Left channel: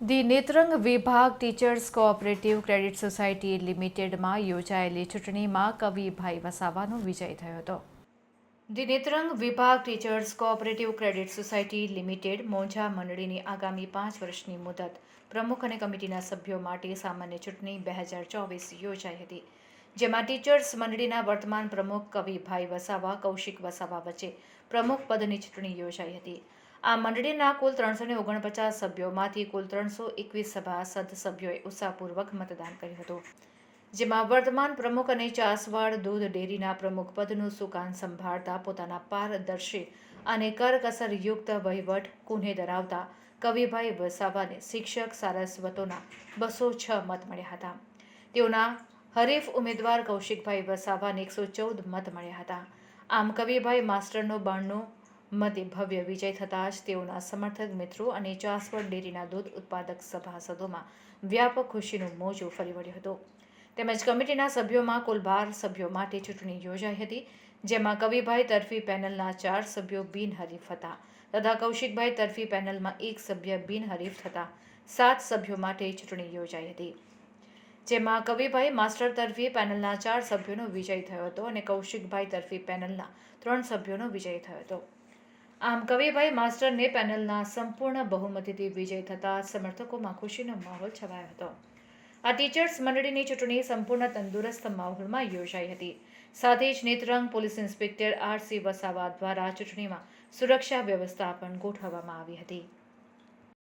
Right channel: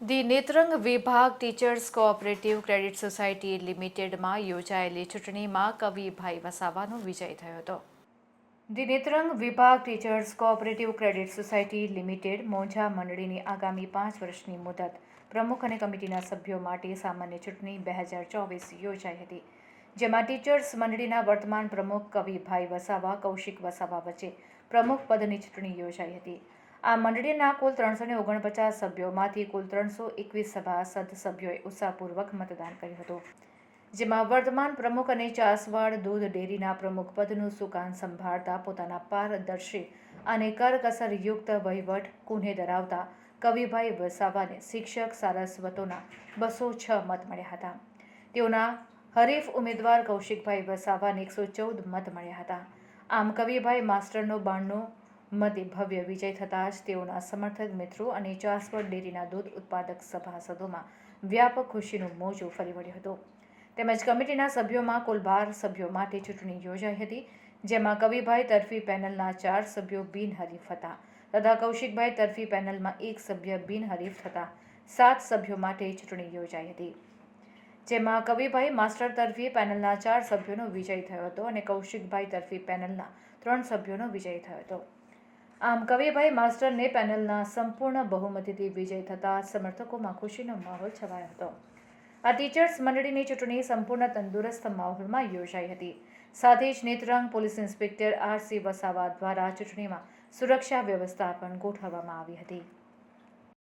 The Netrang વિભાગ teachers cooperative credit society લિમિટેડમાં યોજાયેલી ચૂંટણીમાં કવિભાઈ વસાવાનો વિજય થયો હતો ધી નેત્રંગ વિભાગ teachers cooperative credit society limited મોંઝા મંડળીની આગામી પાંચ વર્ષની મુદત પ્રમુખ અને કમિટીના સભ્યો માટે સામાન્ય ચૂંટણી બે હજાર ચોવીસ યોજાઈ હતી જેમાં ટીચર્સ મંડળીના વર્તમાન પ્રમુખ કવિભાઈ વસાવા, કૌશિક વસાવા વચ્ચે પ્રમુખ પદની ચૂંટણી યોજાઈ હતી. આ મંડળીના કુલ ત્રણસો ને ઓગણપચાસ સભ્યોમાંથી કુલ ત્રણસો એકવીસ સભાસદ સભ્યોએ ઉત્સાહપૂર્વક મતદાન કર્યું હતું. જેમાં વર્તમાન પ્રમુખ અને ચાસવાડ દૂધ ડેરીના પ્રમુખ પદનું સુકાન સંભાળતા પોતાના પારદર્શી અને કરકસરયુક્ત વહીવટ કુને ધરાવતા કવિભાઈ વસાવાને શિક્ષક સારસ્વતોના બસો છ મત મળ્યા હતા. તેઓના હરીફ ઉમેદવાર કૌશિકભાઈ વસાવાને એકસો ચૌદ મત મળ્યા હતા. આમ કવિભાઈ માસ્ટરનો બાણનો મતે ભવ્ય વિજય થતાં જ તેઓના સમર્થક મિત્રો અને ચાસવડ ડેરીના દૂધ ઉત્પાદક સભાસદોમાં વ્યાપક ખુશીનું મોજું ફરી વળ્યું હતું. તેમજ કમિટીના સભ્યોમાં કુલ બાર સભ્યો માટે ચૂંટણી યોજાઈ હતી, જેમાં કવિભાઈ તરફી પેનલના ચાર સભ્યો બિનહરીફ હતા તથા કૌશિકભાઈ તરફી પેનલમાં એક સભ્ય બિનહરીફ થતા સાત સભ્યો માટે ચૂંટણી યોજાઈ હતી. જેમાં કવિભાઈ માસ્ટર તરફી પેનલના ચાર સભ્યોનો વિજય થયો હતો અને કૌશિકભાઈ તરફી પેનલના ત્રણ સભ્યોનો વિજય થયો હતો. આમ કવિભાઈ માસ્ટરને પેનલના સંપૂર્ણ બહુમતીથી વિજય થતાં સમર્થકોમાં ખુશીનો માહોલ છવાયો હતો. આ ટીચર્સ મંડળીની ચૂંટણી સંપૂર્ણ તંદુરસ્ત માહોલમાં યોજાઈ હતી. સાથે જ Netrang police inspector R C Vasava દ્વારા ચૂંટણીમાં સુરક્ષા વ્યવસ્થા પણ ગોઠવવામાં આવી હતી.